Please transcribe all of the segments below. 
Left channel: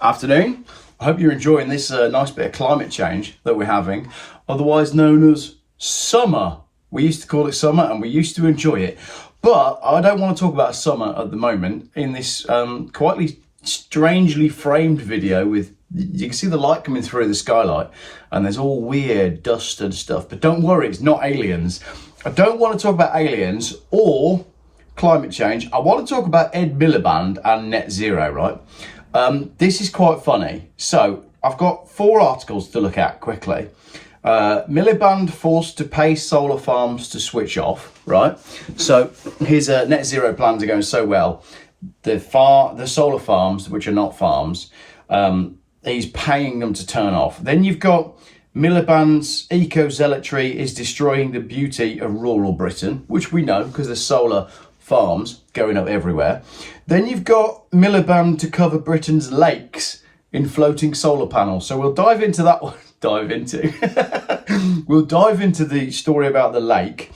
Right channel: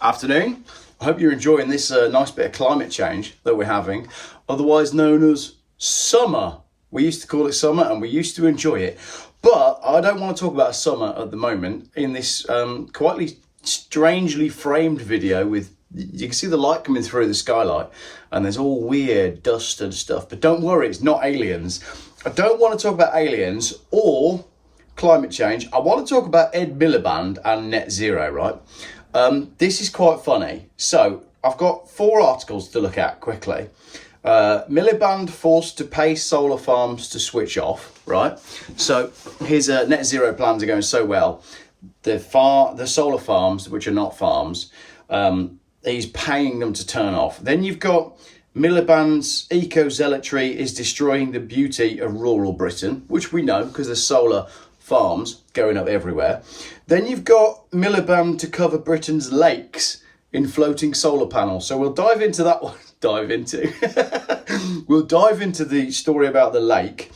Afternoon. I hope you're enjoying this nice bit of climate change that we're having, otherwise known as summer. We used to call it summer and we used to enjoy it. But I don't want to talk about summer at the moment in this quite strangely framed video with, you can see the light coming through the skylight and there's all weird dust and stuff. But don't worry, it's not aliens. I don't want to talk about aliens or climate change. I want to talk about Ed Miliband and net zero, right? This is quite funny. So I've got 4 articles to look at quickly. Milliband forced to pay solar farms to switch off, right? So his net zero plans are going so well. The solar farms, which are not farms, he's paying them to turn off. Then you've got Milliband's eco-zealotry is destroying the beauty of rural Britain, which we know because there's solar farms going up everywhere. Then you've got Milliband to cover Britain's lakes in floating solar panels. So we'll dive into that one. We'll dive into the story about the lake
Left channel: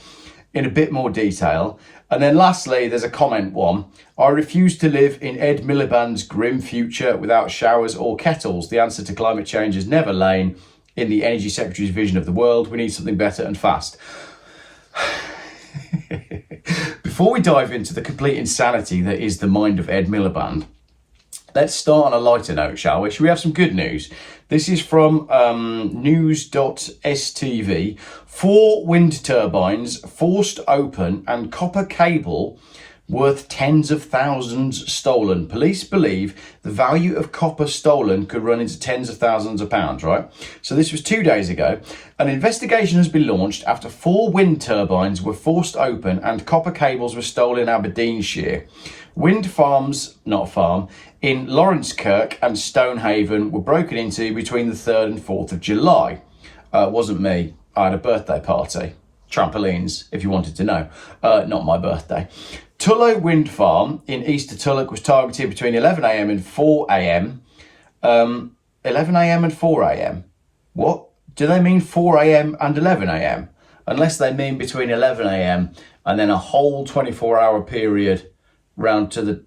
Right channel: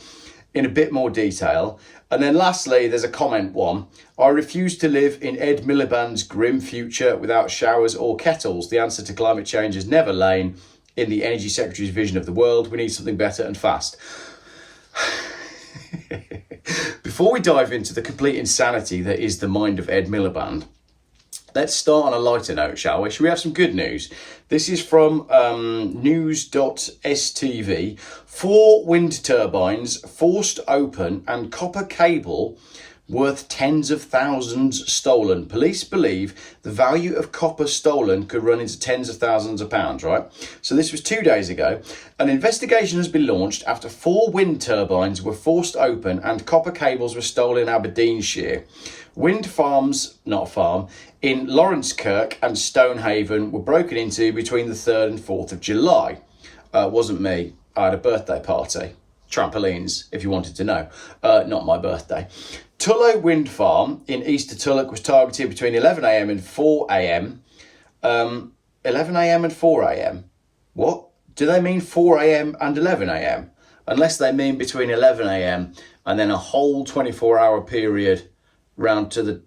in a bit more detail. And then lastly, there's a comment one. I refuse to live in Ed Miliband's grim future without showers or kettles. The answer to climate change has never lain in the Energy Secretary's vision of the world. We need something better and fast. Before we dive into the complete insanity that is the mind of Ed Miliband, let's start on a lighter note, shall we? Should we have some good news? This is from news.stv. 4 wind turbines forced open and copper cable worth tens of thousands stolen. Police believe the value of copper stolen could run into tens of thousands of pounds, right? So this was 2 days ago. An investigation has been launched after 4 wind turbines were forced open and copper cables were stolen in Aberdeenshire. Wind farms, not a farm, in Lawrencekirk and Stonehaven were broken into between the 3rd and 4th of July. It wasn't me. I had a birthday party. Trampolines, if you wanted to know. Not my birthday. Tullow Wind Farm in Easter Tulloch was targeted between 11 a.m. and 4 a.m. 11 a.m. and 4 a.m. What? Do they mean 4 a.m. and 11 a.m.? Unless they mean between 11 a.m. and then a whole 24-hour period round to the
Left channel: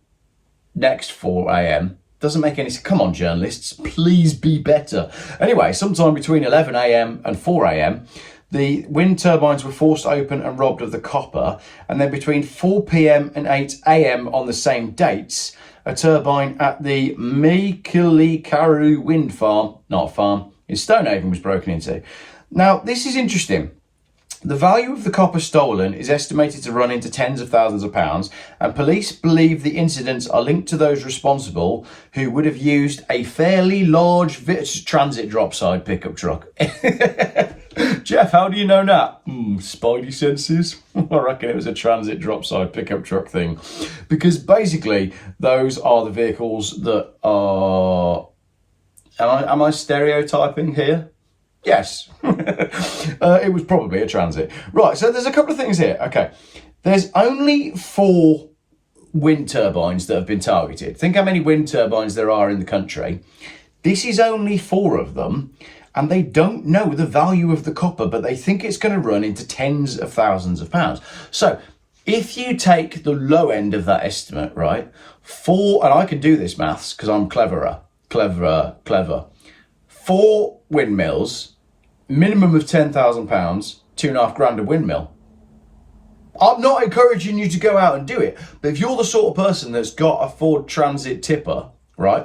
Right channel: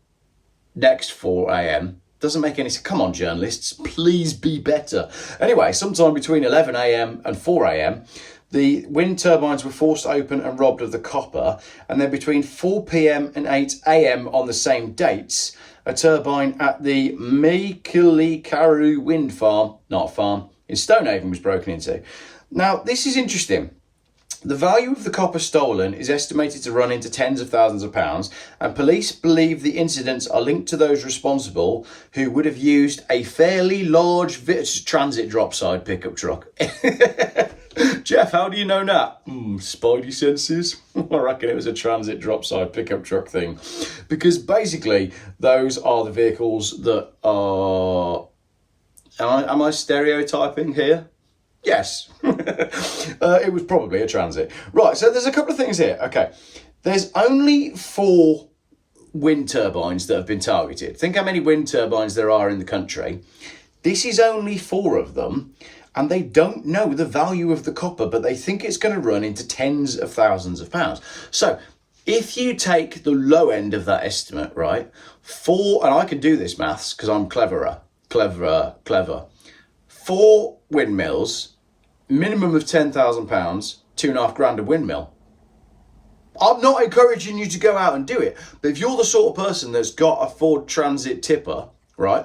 next 4 a.m. Doesn't make any sense. Come on, journalists, please be better. Anyway, sometime between 11 a.m. and 4 a.m., the wind turbines were forced open and robbed of the copper. And then between 4 p.m. and 8 a.m. on the same dates, a turbine at the Meekilikaru wind farm, not a farm, in Stonehaven was broken into. Now, this is interesting. The value of the copper stolen is estimated to run into tens of thousands of pounds, and police believe the incidents are linked to those responsible who would have used a fairly large transit dropside pickup truck. Geoff, how do you know that? Spidey senses. I reckon it was a transit dropside pickup truck thing, because basically those are the vehicles that are... Am I stereotyping here? Yes, it was probably a transit. Right, so there's a couple of things here. Okay, there's only 4 wind turbines that have been targeted. Think how many wind turbines there are in the country. This is only 4 of them, and they don't know the value of the copper, but they think it's going to run into tens of thousands of pounds. So if you take the low end of that estimate, right, 4, and I can do this maths because I'm clever. 4 windmills, minimum of £10,000, £2.5 grand a windmill. I'm not encouraging you to go out and do it, but if you're the sort of person that's got a Ford Transit tipper, right,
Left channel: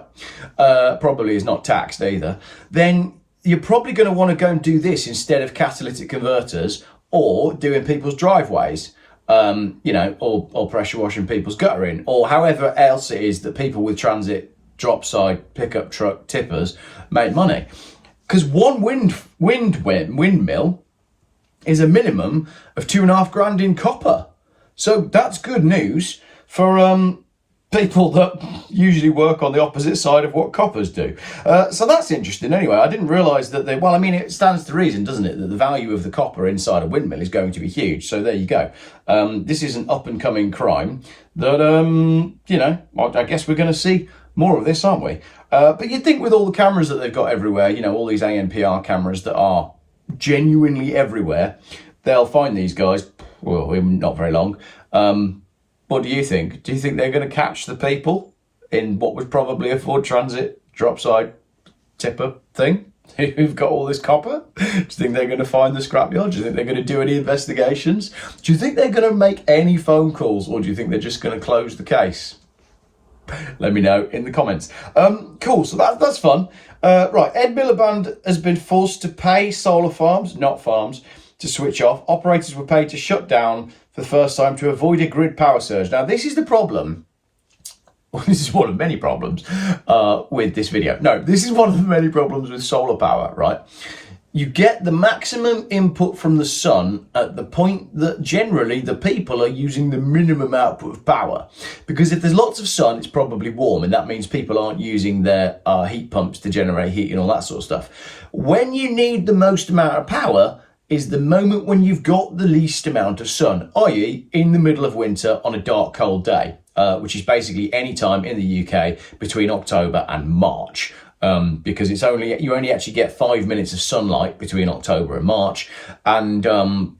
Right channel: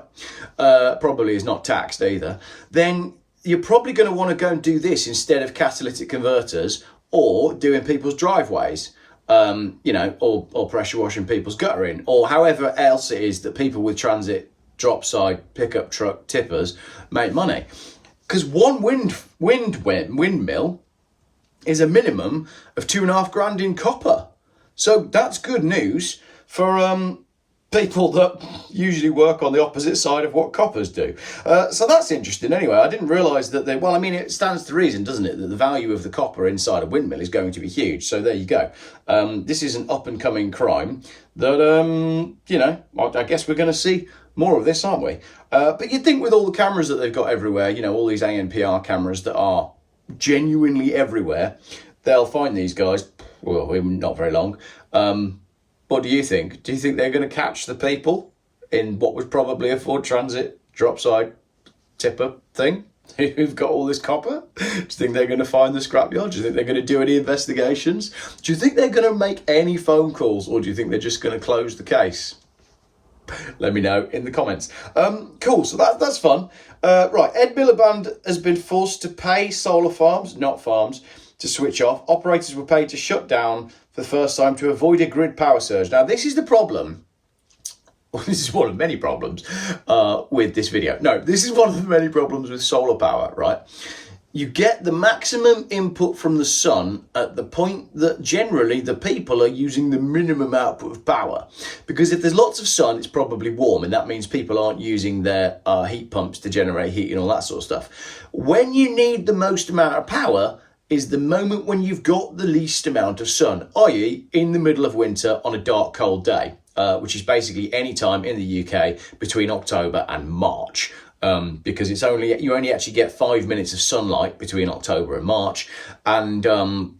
probably is not taxed either, then you're probably going to want to go and do this instead of catalytic converters or doing people's driveways, or pressure washing people's guttering, or however else it is that people with transit dropside pickup truck tippers make money. Because one windmill is a minimum of £2.5 grand in copper. So that's good news for people that usually work on the opposite side of what coppers do. So that's interesting. Anyway, I didn't realise that it stands to reason, doesn't it, that the value of the copper inside a windmill is going to be huge. So there you go. This is an up-and-coming crime that, I guess we're going to see more of this, aren't we? But you'd think with all the cameras that they've got everywhere, all these ANPR cameras that are genuinely everywhere, they'll find these guys, well, not very long. What do you think? Do you think they're going to catch the people in what was probably a Ford Transit dropside tipper thing who've got all this copper? Do you think they're going to find the scrapyard? Do you think they're going to do any investigations? Do you think they're going to make any phone calls, or do you think they're just going to close the case? Let me know in the comments. Cool, so that's fun. Right, Ed Miliband has been forced to pay solar farms, not farms, to switch off. Operators were paid to shut down for the first time to avoid a grid power surge. Now, this is the problem. Well, this is one of many problems with this video. No, this is one of the many problems with solar power, right? You get the maximum input from the sun at the point that generally the people are using the minimum output of power. Because if there's lots of sun, it's probably warm, and that means people aren't using their heat pumps to generate heat and all that sort of stuff. When you need the most amount of power is the moment when you've got the least amount of sun, i.e. in the middle of winter on a dark, cold day. Which is basically any time in the UK between October and March, because you only actually get 5 minutes of sunlight between October and March, and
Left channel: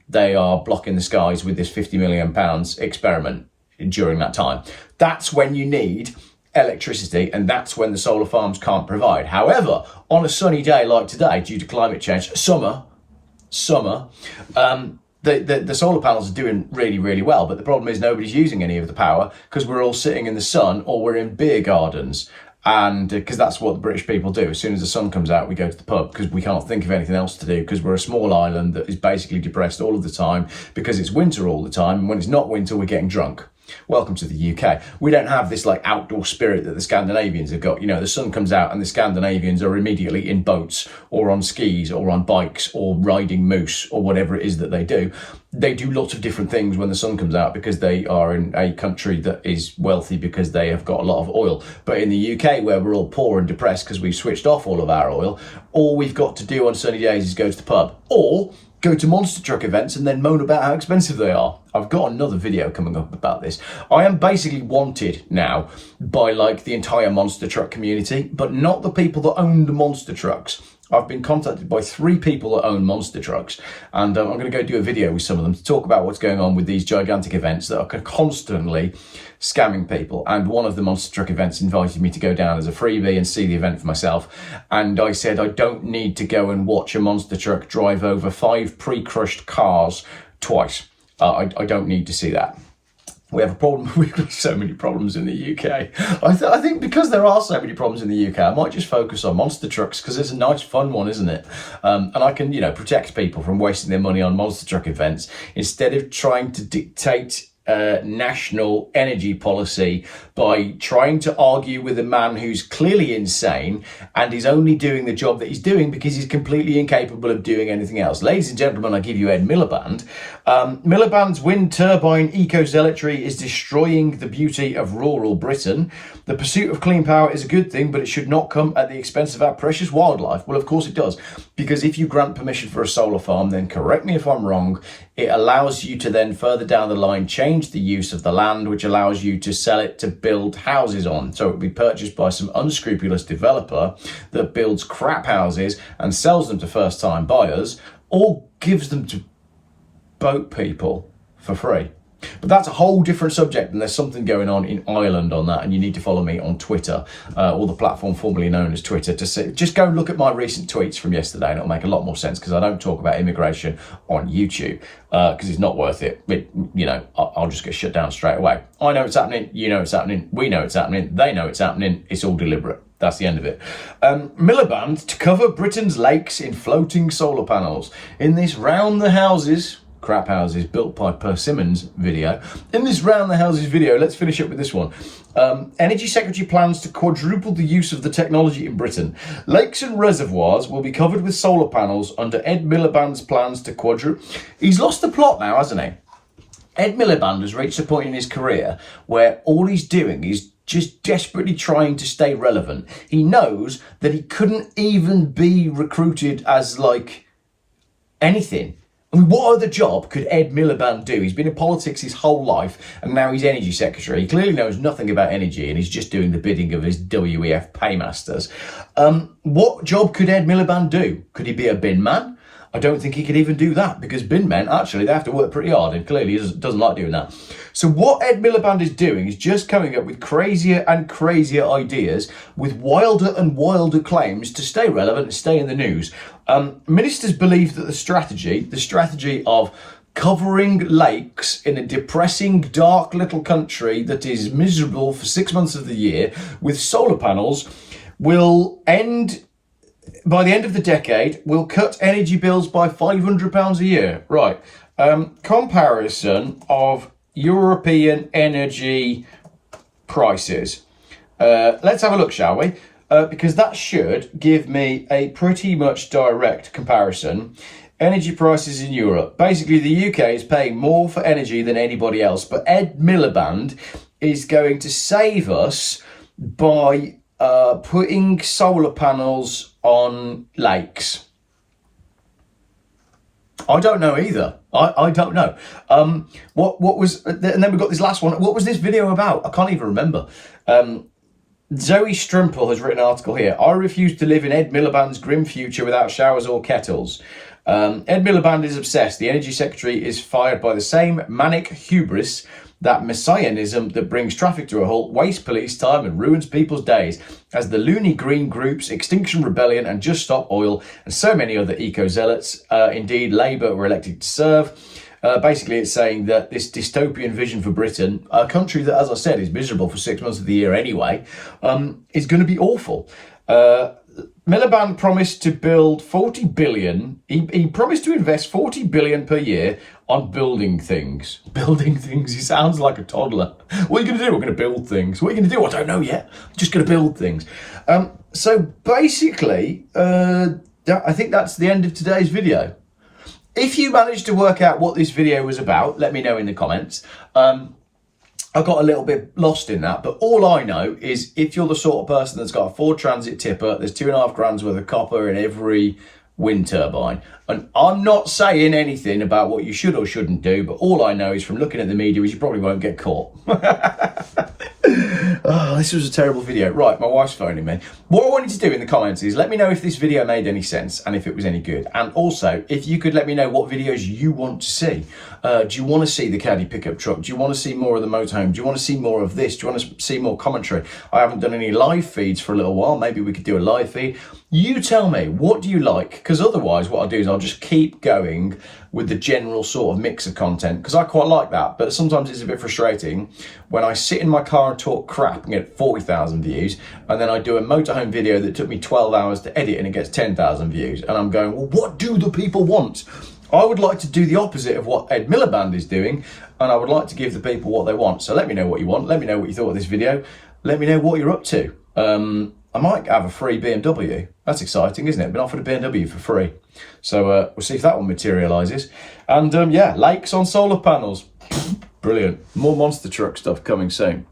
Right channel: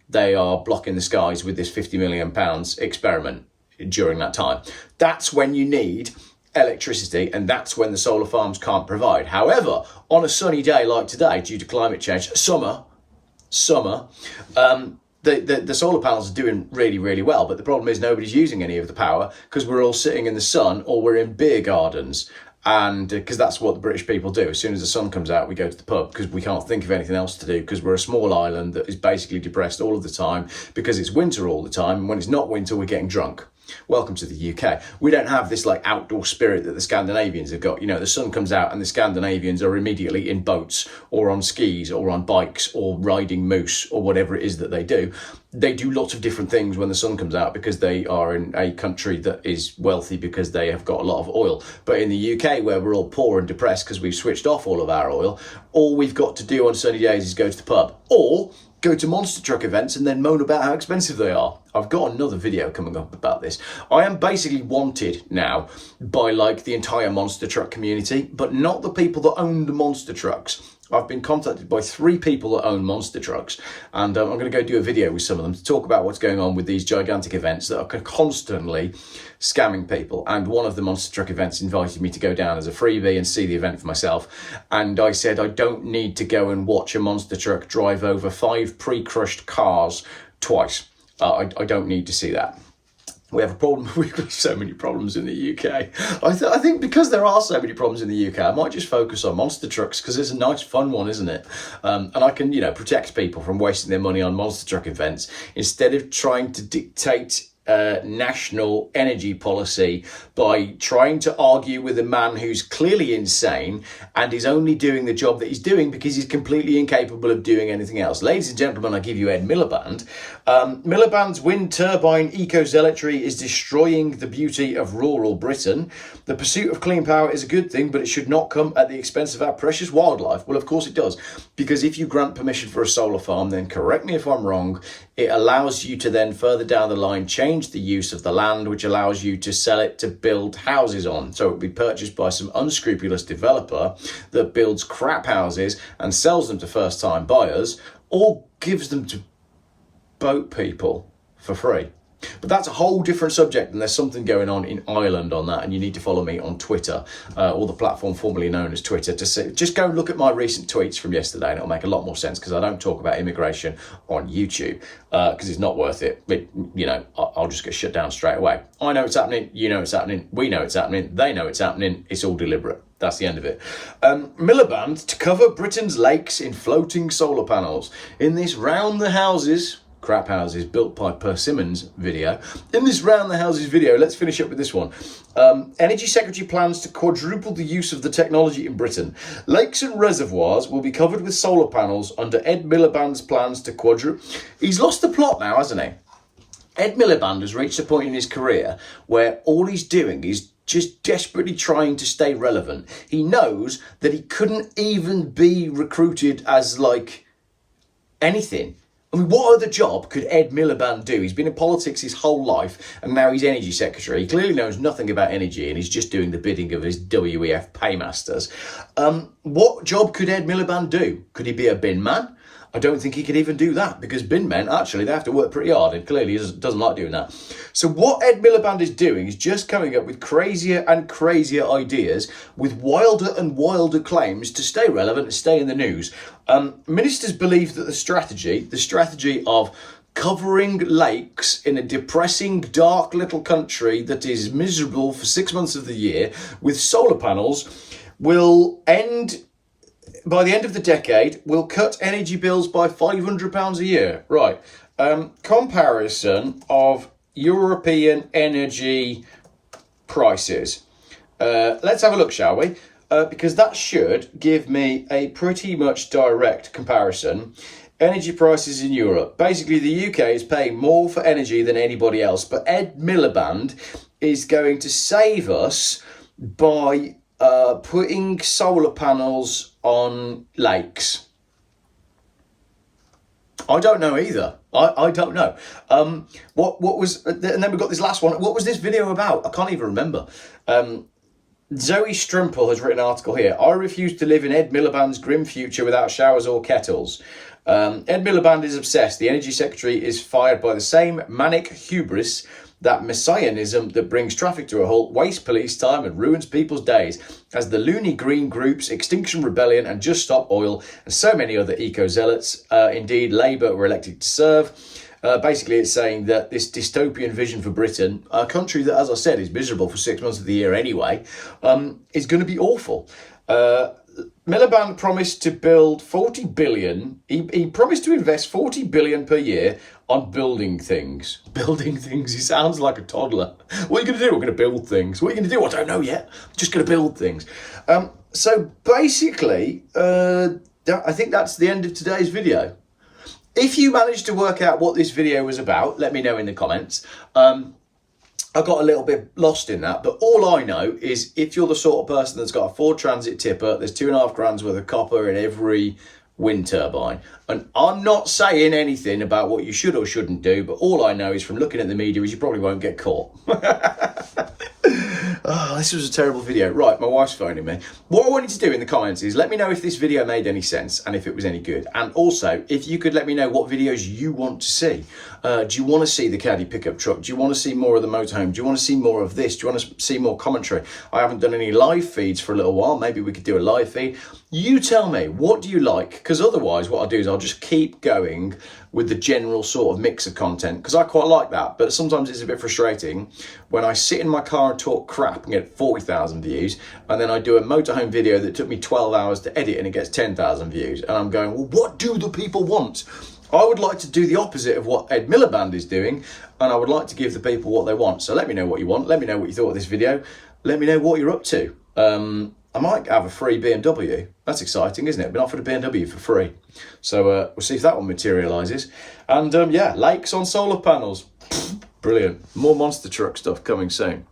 they are blocking the skies with this £50 million experiment during that time. That's when you need electricity, and that's when the solar farms can't provide. However, on a sunny day like today, due to climate change, summer, the solar panels are doing really, really well, but the problem is nobody's using any of the power because we're all sitting in the sun or we're in beer gardens. And because that's what the British people do. As soon as the sun comes out, we go to the pub because we can't think of anything else to do, because we're a small island that is basically depressed all of the time because it's winter all the time. And when it's not winter, we're getting drunk. Welcome to the UK. We don't have this like outdoor spirit that the Scandinavians have got. You know, the sun comes out and the Scandinavians are immediately in boats or on skis or on bikes or riding moose or whatever it is that they do. They do lots of different things when the sun comes out because they are in a country that is wealthy because they have got a lot of oil. But in the UK, where we're all poor and depressed because we've switched off all of our oil, all we've got to do on sunny days is go to the pub or go to monster truck events and then moan about how expensive they are. I've got another video coming up about this. I am basically wanted now by like the entire monster truck community, but not the people that own the monster trucks. I've been contacted by 3 people that own monster trucks, and I'm going to go do a video with some of them to talk about what's going on with these gigantic events that are constantly scamming people. And one of the monster truck events invited me to go down as a freebie and see the event for myself. And I said, I don't need to go and watch a monster truck drive over 5 pre-crushed cars twice. I don't need to see that. We have a problem. We've got so many problems in the UK. I think because there are so many problems in the UK, I might just focus on monster trucks because it's a nice, fun one, isn't it? And I can, protect people from wasting their money on monster truck events instead of trying to dictate national energy policy by trying to argue with a man who's clearly insane and is only doing the job that he's doing because he's completely incapable of doing anything else. Ladies and gentlemen, I give you Ed Miliband. Milliband's wind turbine eco-zealotry is destroying the beauty of rural Britain. The pursuit of clean power is a good thing, but it should not come at the expense of our precious wildlife. Well, of course it does, because if you grant permission for a solar farm, then correct me if I'm wrong, it allows you to then further down the line change the use of the land, which allows you to sell it to build houses on. So it will be purchased by some unscrupulous developer that builds crap houses and sells them to first-time buyers, or gives them to boat people for free. But that's a whole different subject, and there's something going on in Ireland on that, and you need to follow me on Twitter, or the platform formerly known as Twitter, to see. Just go and look at my recent tweets from yesterday, and it'll make a lot more sense, because I don't talk about immigration on YouTube, because it's not worth it. But, I'll just get shut down straight away. I know it's happening, you know it's happening, we know it's happening, they know it's happening, it's all deliberate. That's the end of it. Milliband to cover Britain's lakes in floating solar panels. In this round the houses... crap houses built by persimmons video. In this round the houses video, let's finish up with this one. Energy Secretary plans to quadruple the use of the technology in Britain. Lakes and reservoirs will be covered with solar panels under Ed Miliband's plans to quadruple. He's lost the plot now, hasn't he? Ed Miliband has reached a point in his career where all he's doing is just desperately trying to stay relevant. He knows that he couldn't even be recruited as anything. I mean, what other job could Ed Miliband do? He's been in politics his whole life, and now he's energy secretary. He clearly knows nothing about energy, and he's just doing the bidding of his WEF paymasters. What job could Ed Miliband do? Could he be a bin man? I don't think he could even do that, because bin men, actually, they have to work pretty hard, and clearly he doesn't like doing that. So what Ed Miliband is doing is just coming up with crazier and crazier ideas with wilder and wilder claims to stay relevant and stay in the news. Ministers believe that the strategy of covering lakes in a depressing, dark little country that is miserable for 6 months of the year with solar panels will end, by the end of the decade, will cut energy bills by £500 a year. Right. Comparison of European energy prices. Let's have a look, shall we? Because that should give me a pretty much direct comparison. Energy prices in Europe. Basically, the UK is paying more for energy than anybody else, but Ed Miliband is going to save us by putting solar panels on lakes. I don't know either. I don't know. What was, and then we've got this last one. What was this video about? I can't even remember. Zoe Strimple has written an article here. I refuse to live in Ed Miliband's grim future without showers or kettles. Ed Milliband is obsessed. The Energy Secretary is fired by the same manic hubris, that messianism that brings traffic to a halt, wastes police time and ruins people's days, as the loony green groups Extinction Rebellion and Just Stop Oil and so many other eco-zealots, indeed Labour, were elected to serve. Basically, it's saying that this dystopian vision for Britain, a country that, as I said, is miserable for 6 months of the year anyway, is going to be awful. Milliband promised to build 40 billion. He promised to invest 40 billion per year on building things. Building things. He sounds like a toddler. What are you going to do? We're going to build things. What are you going to do? I don't know yet. I'm just going to build things. So basically, I think that's the end of today's video. If you managed to work out what this video was about, let me know in the comments. I got a little bit lost in that, but all I know is if you're the sort of person that's got a Ford Transit tipper, there's £2.5 worth of copper in every wind turbine. And I'm not saying anything about what you should or shouldn't do, but all I know is from looking at the media is you probably won't get caught. Oh, this was a terrible video. Right, my wife's phoning me. What I want you to do in the comments is let me know if this video made any sense and if it was any good. And also, if you could let me know what videos you want to see. Do you want to see the caddy pickup truck? Do you want to see more of the motorhome? Do you want to see more of this? Do you want to see more commentary? I haven't done any live feeds for a little while. Maybe we could do a live feed. You tell me, what do you like? Because otherwise what I'll do is I'll just keep going with the general sort of mix of content, because I quite like that. But sometimes it's a bit frustrating when I sit in my car and talk crap and get 40,000 views, and then I do a motorhome video that took me 12 hours to edit and it gets 10,000 views. And I'm going, well, what do the people want? I would like to do the opposite of what Ed Miliband is doing, and I would like to give the people what they want. So let me know what you want. Let me know what you thought of this video. Let me know what you're up to. I might have a free BMW. That's exciting, isn't it? I've been offered a BMW for free. So we'll see if that one materialises. And yeah, lakes on solar panels. Brilliant. More monster truck stuff coming soon.